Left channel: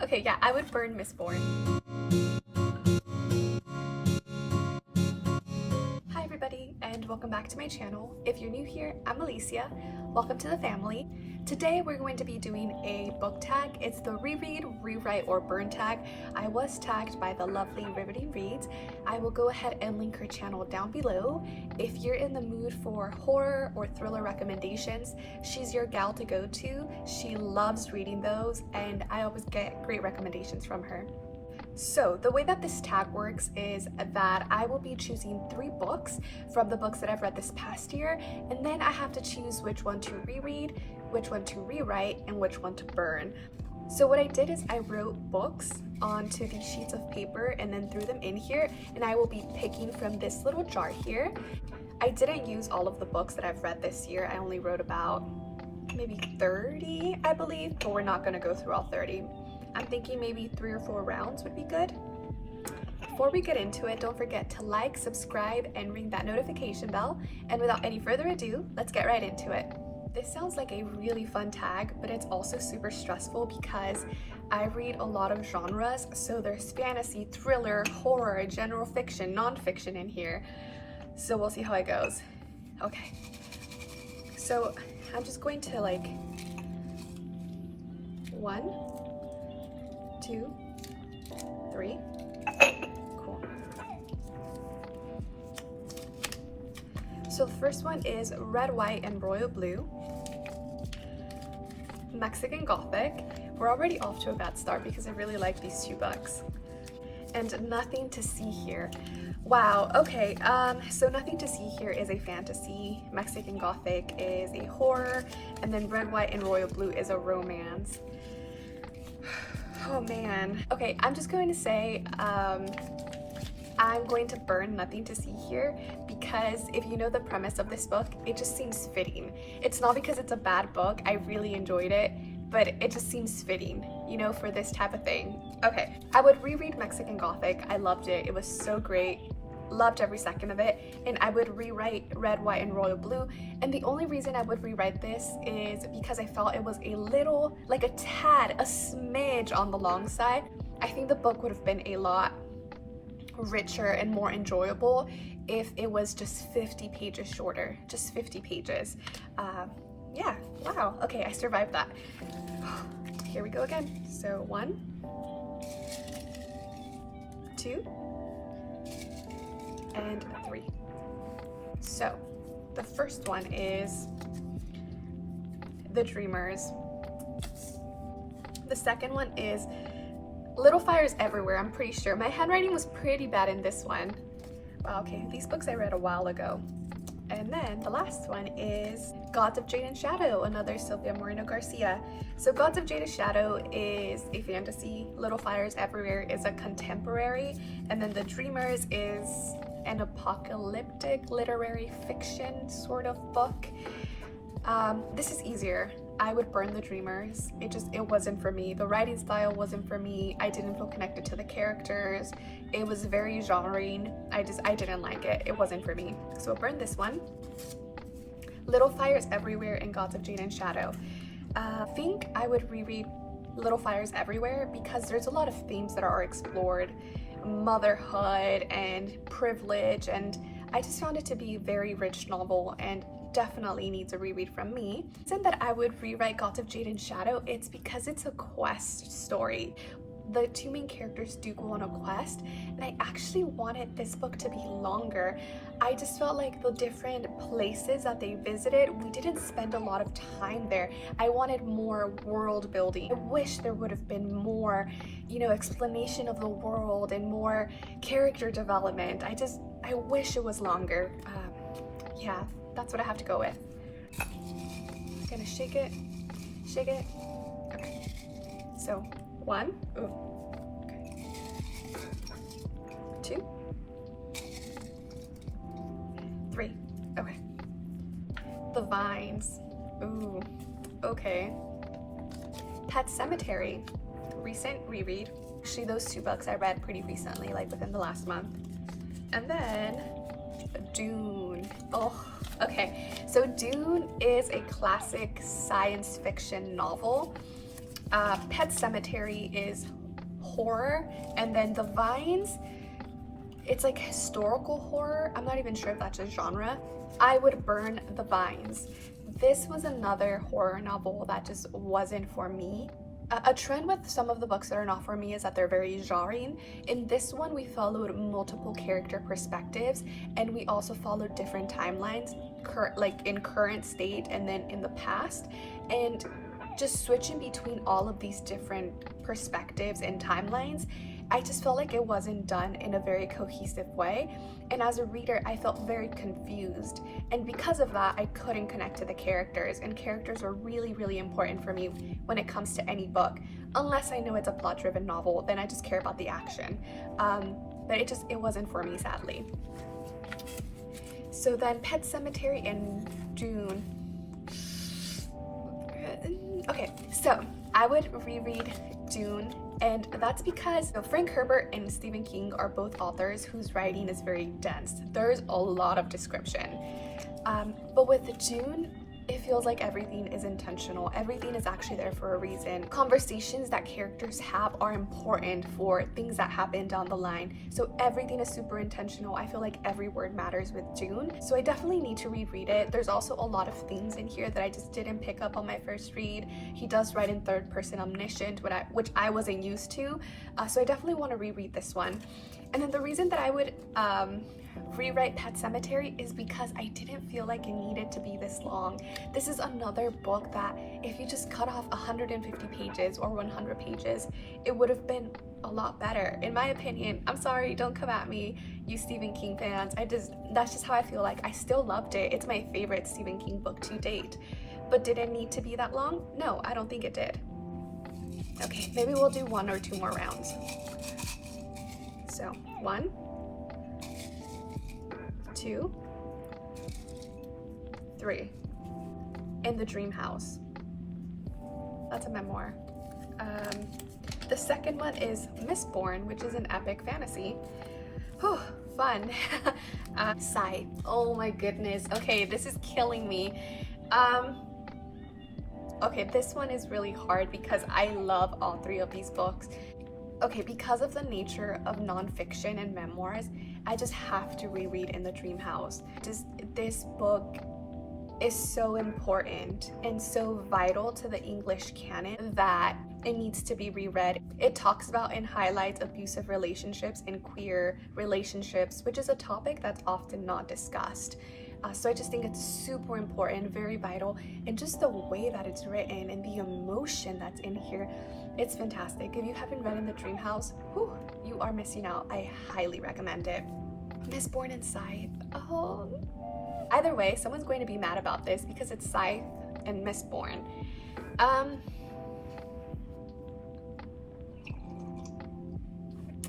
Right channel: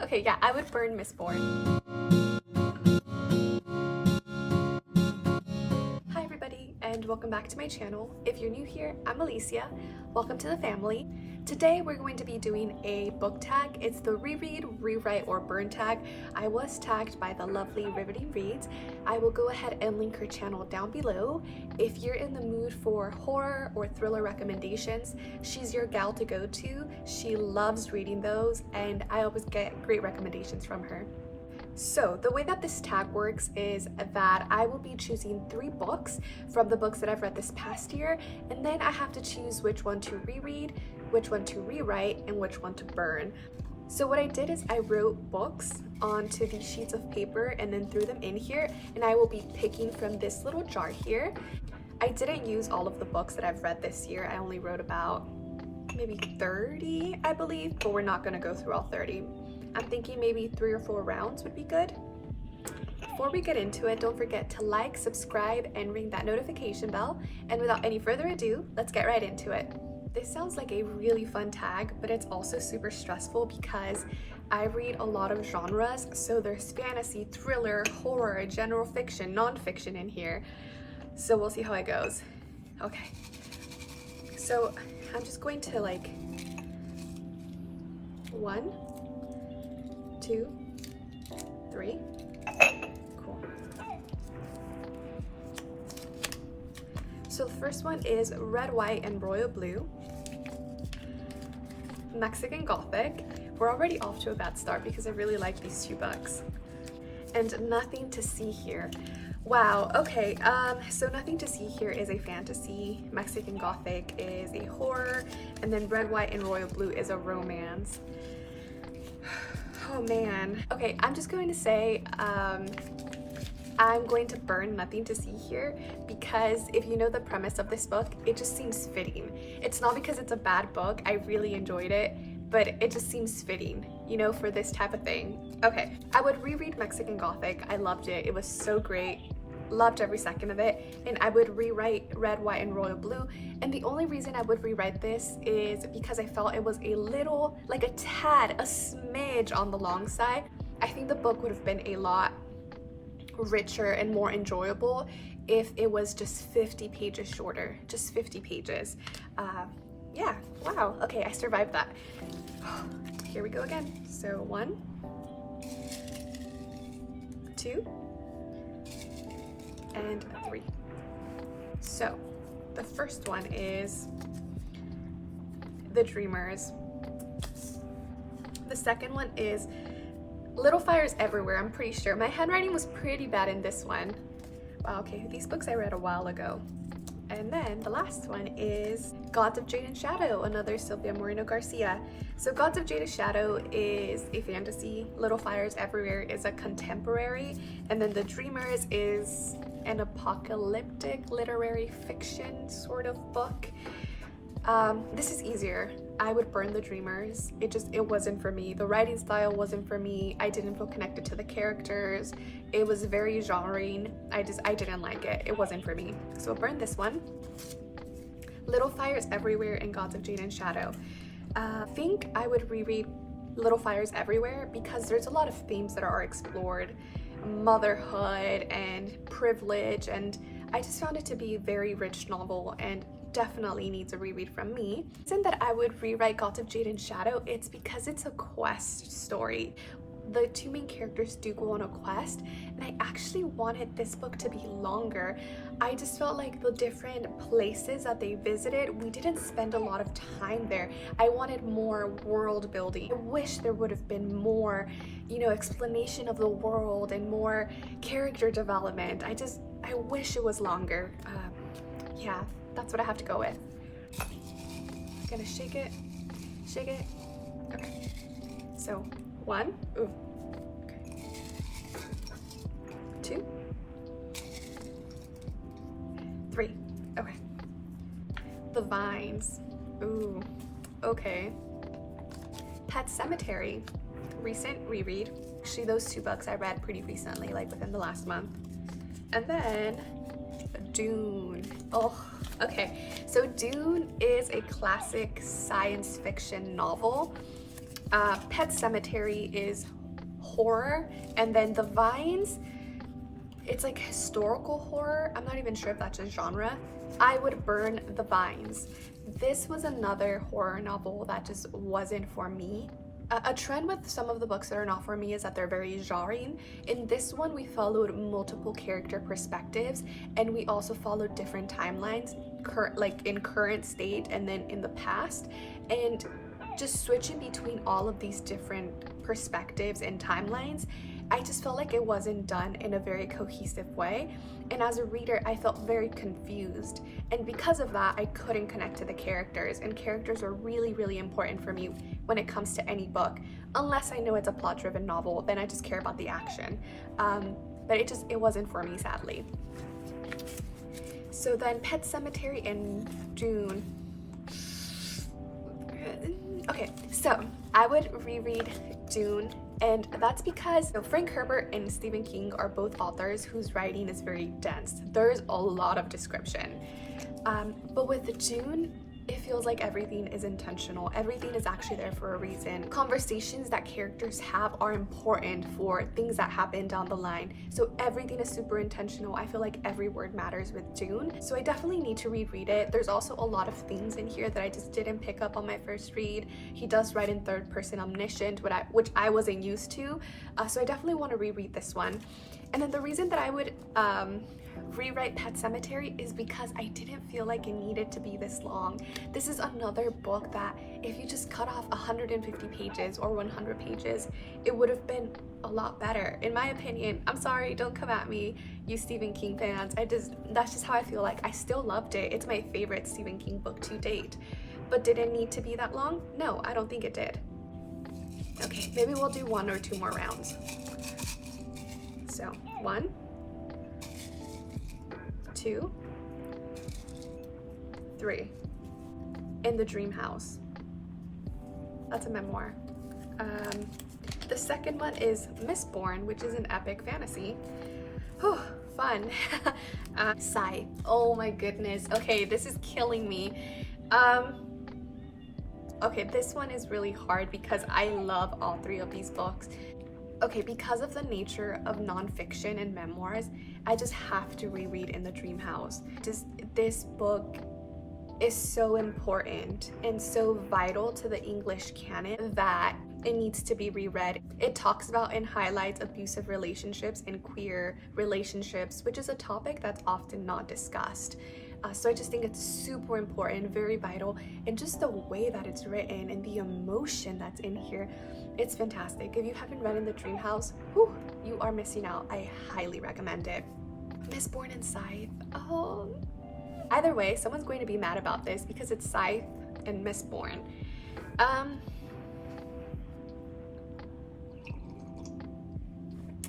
Okay, yeah, I would burn Mistborn. Hi everybody, and welcome back to my channel. If you're new here, I'm Alicia. Welcome to the family. Today we're going to be doing a book tag. It's the reread, rewrite, or burn tag. I was tagged by the lovely Riveting Reads. I will go ahead and link her channel down below. If you're in the mood for horror or thriller recommendations, she's your gal to go to. She loves reading those, and I always get great recommendations from her. So the way that this tag works is that I will be choosing 3 books from the books that I've read this past year, and then I have to choose which one to reread, which one to rewrite, and which one to burn. So what I did is I wrote books onto these sheets of paper and then threw them in here, and I will be picking from this little jar here. I didn't use all of the books that I've read this year. I only wrote about maybe 30, I believe, but we're not going to go through all 30. I'm thinking maybe 3 or 4 rounds would be good. Before we get into it, don't forget to like, subscribe, and ring that notification bell. And without any further ado, let's get right into it. This sounds like a really fun tag, but it's also super stressful because I read a lot of genres. So there's fantasy, thriller, horror, general fiction, nonfiction in here. So we'll see how it goes. Okay. So I'm just going to 1, 2, 3. Cool. So the first one is Red, White, and Royal Blue. Mexican Gothic. We're already off to a bad start because I really like these 2 books. And Nothing to See Here. Wow, okay, so Nothing to See Here is a fantasy, Mexican Gothic is a horror, and then Red, White, and Royal Blue is a romance. Oh man. Okay, I'm just going to say I'm going to burn Nothing to See Here because if you know the premise of this book, it just seems fitting. It's not because it's a bad book, I really enjoyed it, but it just seems fitting, you know, for this type of thing. Okay, I would reread Mexican Gothic. I loved it. It was so great. Loved every second of it. And I would rewrite Red, White, and Royal Blue. And the only reason I would rewrite this is because I felt it was a little, like a tad, a smidge on the long side. I think the book would have been a lot richer and more enjoyable if it was just 50 pages shorter, just 50 pages. Yeah, wow, okay, I survived that. Here we go again. So 1, 2, and 3. So the first one is The Dreamers. The second one is Little Fires Everywhere. I'm pretty sure my handwriting was pretty bad in this one. Wow, okay, these books I read a while ago. And then the last one is Gods of Jade and Shadow, another Sylvia Moreno Garcia. So Gods of Jade and Shadow is a fantasy, Little Fires Everywhere is a contemporary, and then The Dreamers is an apocalyptic literary fiction sort of book. This is easier. I would burn The Dreamers. It wasn't for me. The writing style wasn't for me. I didn't feel connected to the characters. It was very genrey. I didn't like it. It wasn't for me. So I'll burn this one. Little Fires Everywhere and Gods of Jade and Shadow. I think I would reread Little Fires Everywhere because there's a lot of themes that are explored. Motherhood and privilege, and I just found it to be a very rich novel and definitely needs a reread from me. The reason that I would rewrite Gods of Jade and Shadow, it's because it's a quest story. The 2 main characters do go on a quest, and I actually wanted this book to be longer. I just felt like the different places that they visited, we didn't spend a lot of time there. I wanted more world building. I wish there would have been more, you know, explanation of the world and more character development. I wish it was longer. Yeah, that's what I have to go with. Gonna shake it. Okay. So 1, ooh, okay. 2, 3, okay. The Vines, ooh, okay. Pet Sematary, recent reread. Actually, those 2 books I read pretty recently, like within the last month. And then Dune, oh, okay. So Dune is a classic science fiction novel. Pet Cemetery is horror, and then The Vines, it's like historical horror. I'm not even sure if that's a genre. I would burn The Vines. This was another horror novel that just wasn't for me. A trend with some of the books that are not for me is that they're very jarring. In this one, we followed multiple character perspectives, and we also followed different timelines, like in current state and then in the past. And just switching between all of these different perspectives and timelines, I just felt like it wasn't done in a very cohesive way. And as a reader, I felt very confused. And because of that, I couldn't connect to the characters. And characters are really, really important for me when it comes to any book. Unless I know it's a plot-driven novel, then I just care about the action. But it wasn't for me, sadly. So then Pet Cemetery in June. Okay, so I would reread Dune, and that's because Frank Herbert and Stephen King are both authors whose writing is very dense. There's a lot of description. But with Dune, it feels like everything is intentional. Everything is actually there for a reason. Conversations that characters have are important for things that happen down the line. So everything is super intentional. I feel like every word matters with Dune. So I definitely need to reread it. There's also a lot of themes in here that I just didn't pick up on my first read. He does write in third person omniscient, which I wasn't used to. So I definitely want to reread this one. And then the reason that I would rewrite Pet Cemetery is because I didn't feel like it needed to be this long. This is another book that if you just cut off 150 pages or 100 pages, it would have been a lot better, in my opinion. I'm sorry, don't come at me, you Stephen King fans. That's just how I feel like. I still loved it. It's my favorite Stephen King book to date. But did it need to be that long? No, I don't think it did. Okay, maybe we'll do 1 or 2 more rounds. So 1, 2, 3. In the Dream House. That's a memoir. The second one is Mistborn, which is an epic fantasy. Whew, fun. Sigh. Oh my goodness. Okay, this is killing me. Okay, this one is really hard because I love all 3 of these books. Okay, because of the nature of nonfiction and memoirs, I just have to reread In the Dream House. This book is so important and so vital to the English canon that it needs to be reread. It talks about and highlights abusive relationships and queer relationships, which is a topic that's often not discussed. So I just think it's super important, very vital, and just the way that it's written and the emotion that's in here, it's fantastic. If you haven't read In the Dream House, whew, you are missing out. I highly recommend it. Mistborn and Scythe. Oh, either way, someone's going to be mad about this because it's Scythe and Mistborn.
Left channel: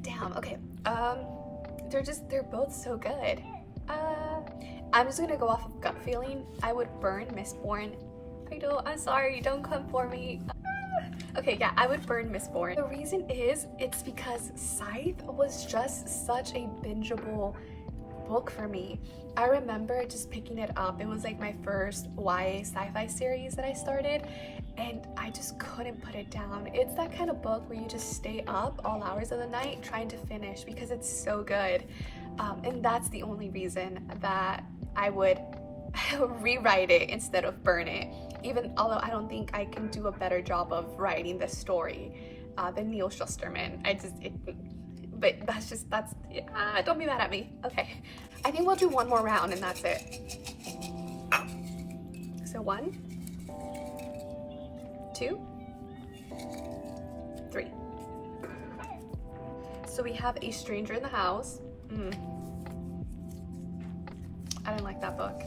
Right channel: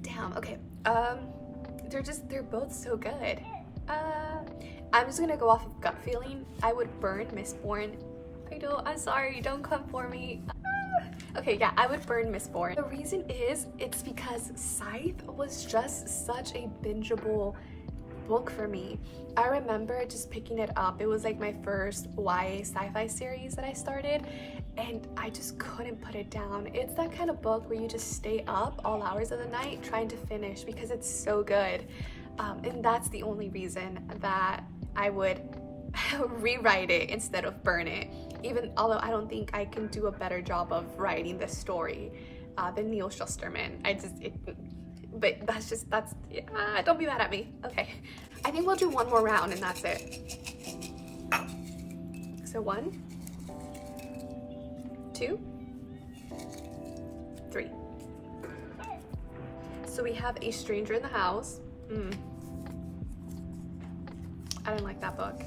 Damn. Okay. They're both so good. I'm just gonna go off of gut feeling. I would burn Mistborn. I'm sorry, don't come for me. Okay, yeah, I would burn Mistborn. The reason is, it's because Scythe was just such a bingeable book for me. I remember just picking it up. It was like my first YA sci-fi series that I started, and I just couldn't put it down. It's that kind of book where you just stay up all hours of the night trying to finish because it's so good. And that's the only reason that I would rewrite it instead of burn it. Even although I don't think I can do a better job of writing this story than Neil Shusterman. But don't be mad at me. Okay, I think we'll do 1 more round and that's it. So 1, 2, 3. So we have A Stranger in the House. I didn't like that book.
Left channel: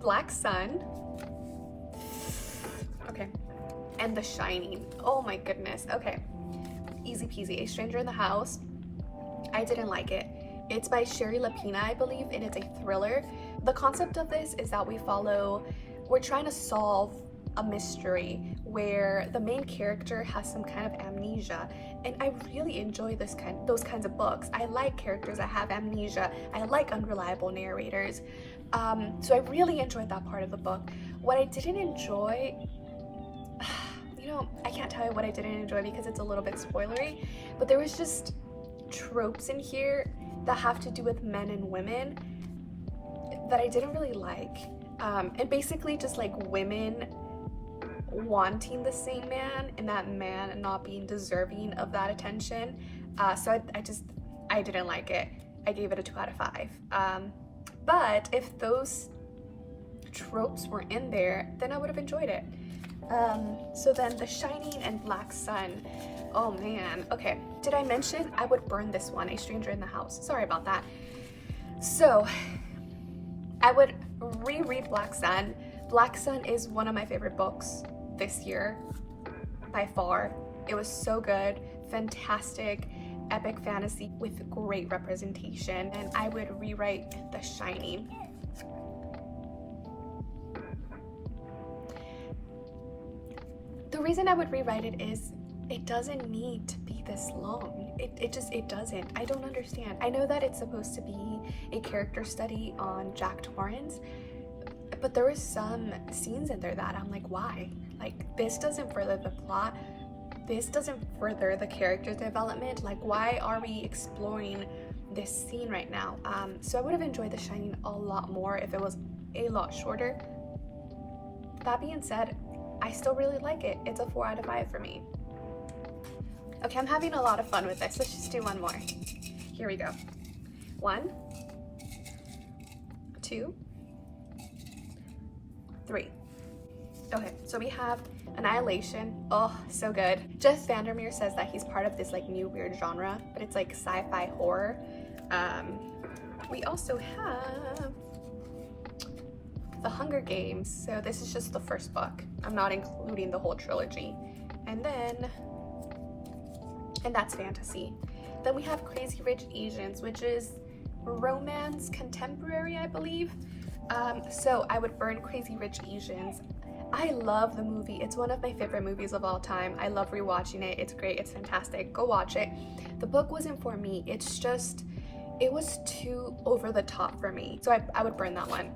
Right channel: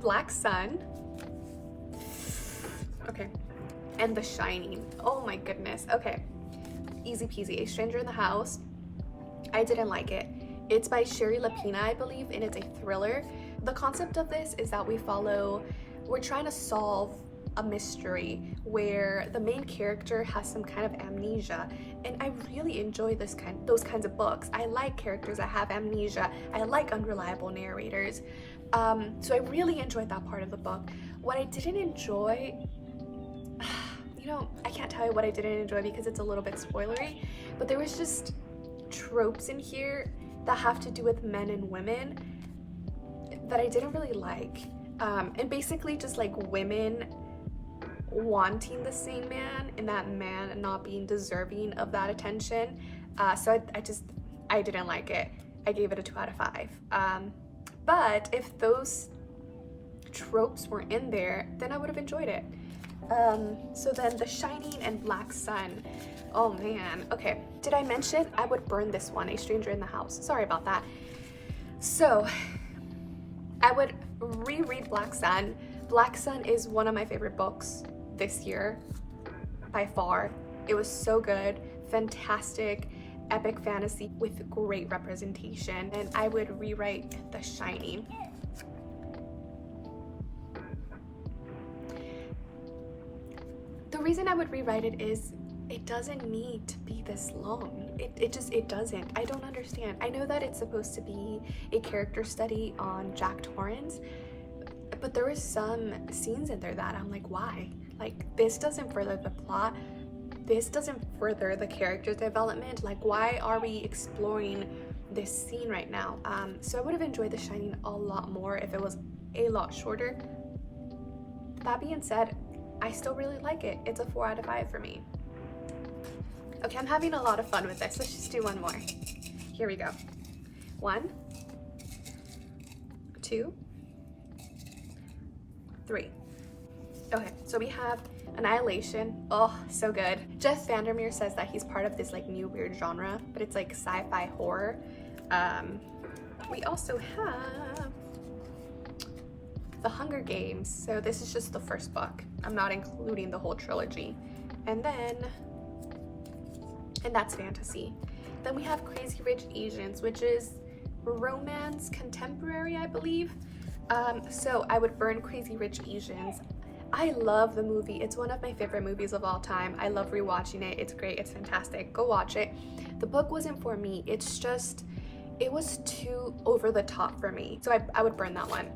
Black Sun. Okay. And The Shining. Oh my goodness. Okay. Easy peasy. A Stranger in the House. I didn't like it. It's by Sherry Lapina, I believe, and it's a thriller. The concept of this is that we're trying to solve a mystery where the main character has some kind of amnesia, and I really enjoy those kinds of books. I like characters that have amnesia. I like unreliable narrators. So I really enjoyed that part of the book. What I didn't enjoy, you know, I can't tell you what I didn't enjoy because it's a little bit spoilery, but there was just tropes in here that have to do with men and women that I didn't really like. And basically just like women wanting the same man and that man not being deserving of that attention. So I didn't like it. I gave it a 2 out of 5. But if those tropes were in there, then I would have enjoyed it. So then The Shining and Black Sun. Oh man, okay. Did I mention I would burn this one, A Stranger in the House? Sorry about that. So I would reread Black Sun. Black Sun is one of my favorite books this year, by far. It was so good, fantastic, epic fantasy with great representation, and I would rewrite The Shining. The reason I would rewrite it is it doesn't need to be this long. It doesn't. I don't understand. I know that it's supposed to be a character study on Jack Torrance, but there were some scenes in there that I'm like, why? Like, this doesn't further the plot. This doesn't further the character development. Like, why are we exploring this scene right now? So I would have enjoyed The Shining a lot more if it was a lot shorter. That being said, I still really like it. It's a 4 out of 5 for me. Okay, I'm having a lot of fun with this. Let's just do one more. Here we go. 1, 2, 3. Okay, so we have Annihilation. Oh, so good. Jeff Vandermeer says that he's part of this like new weird genre, but it's like sci-fi horror. We also have The Hunger Games. So this is just the first book. I'm not including the whole trilogy. And that's fantasy. Then we have Crazy Rich Asians, which is romance contemporary, I believe. So I would burn Crazy Rich Asians. I love the movie. It's one of my favorite movies of all time. I love rewatching it. It's great. It's fantastic. Go watch it. The book wasn't for me. It's just, it was too over the top for me. So I would burn that one.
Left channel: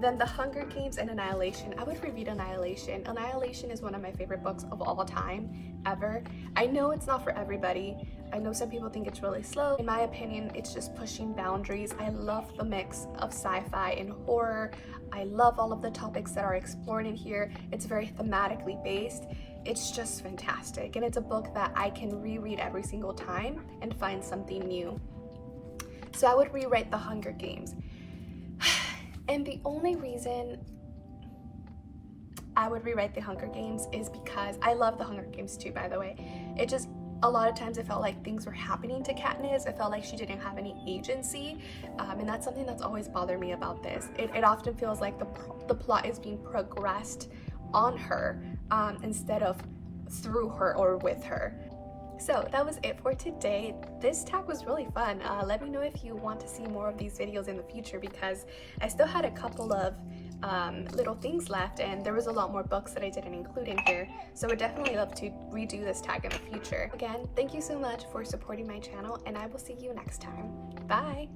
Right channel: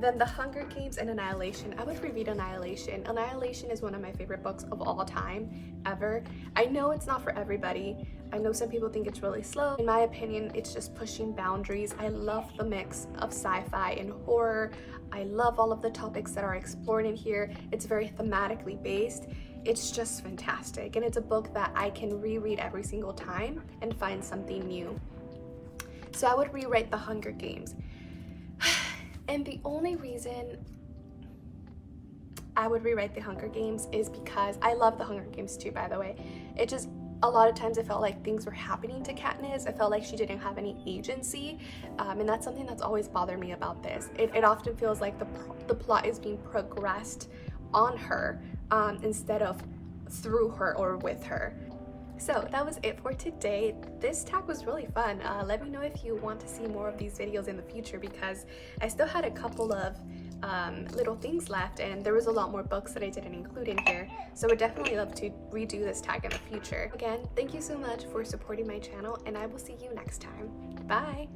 Then The Hunger Games and Annihilation. I would reread Annihilation. Annihilation is one of my favorite books of all time, ever. I know it's not for everybody. I know some people think it's really slow. In my opinion, it's just pushing boundaries. I love the mix of sci-fi and horror. I love all of the topics that are explored in here. It's very thematically based. It's just fantastic. And it's a book that I can reread every single time and find something new. So I would rewrite The Hunger Games. And the only reason I would rewrite The Hunger Games is because I love The Hunger Games too, by the way. It just, a lot of times it felt like things were happening to Katniss. It felt like she didn't have any agency. And that's something that's always bothered me about this. It often feels like the plot is being progressed on her instead of through her or with her. So that was it for today. This tag was really fun. Let me know if you want to see more of these videos in the future, because I still had a couple of little things left, and there was a lot more books that I didn't include in here. So I would definitely love to redo this tag in the future. Again, thank you so much for supporting my channel, and I will see you next time. Bye!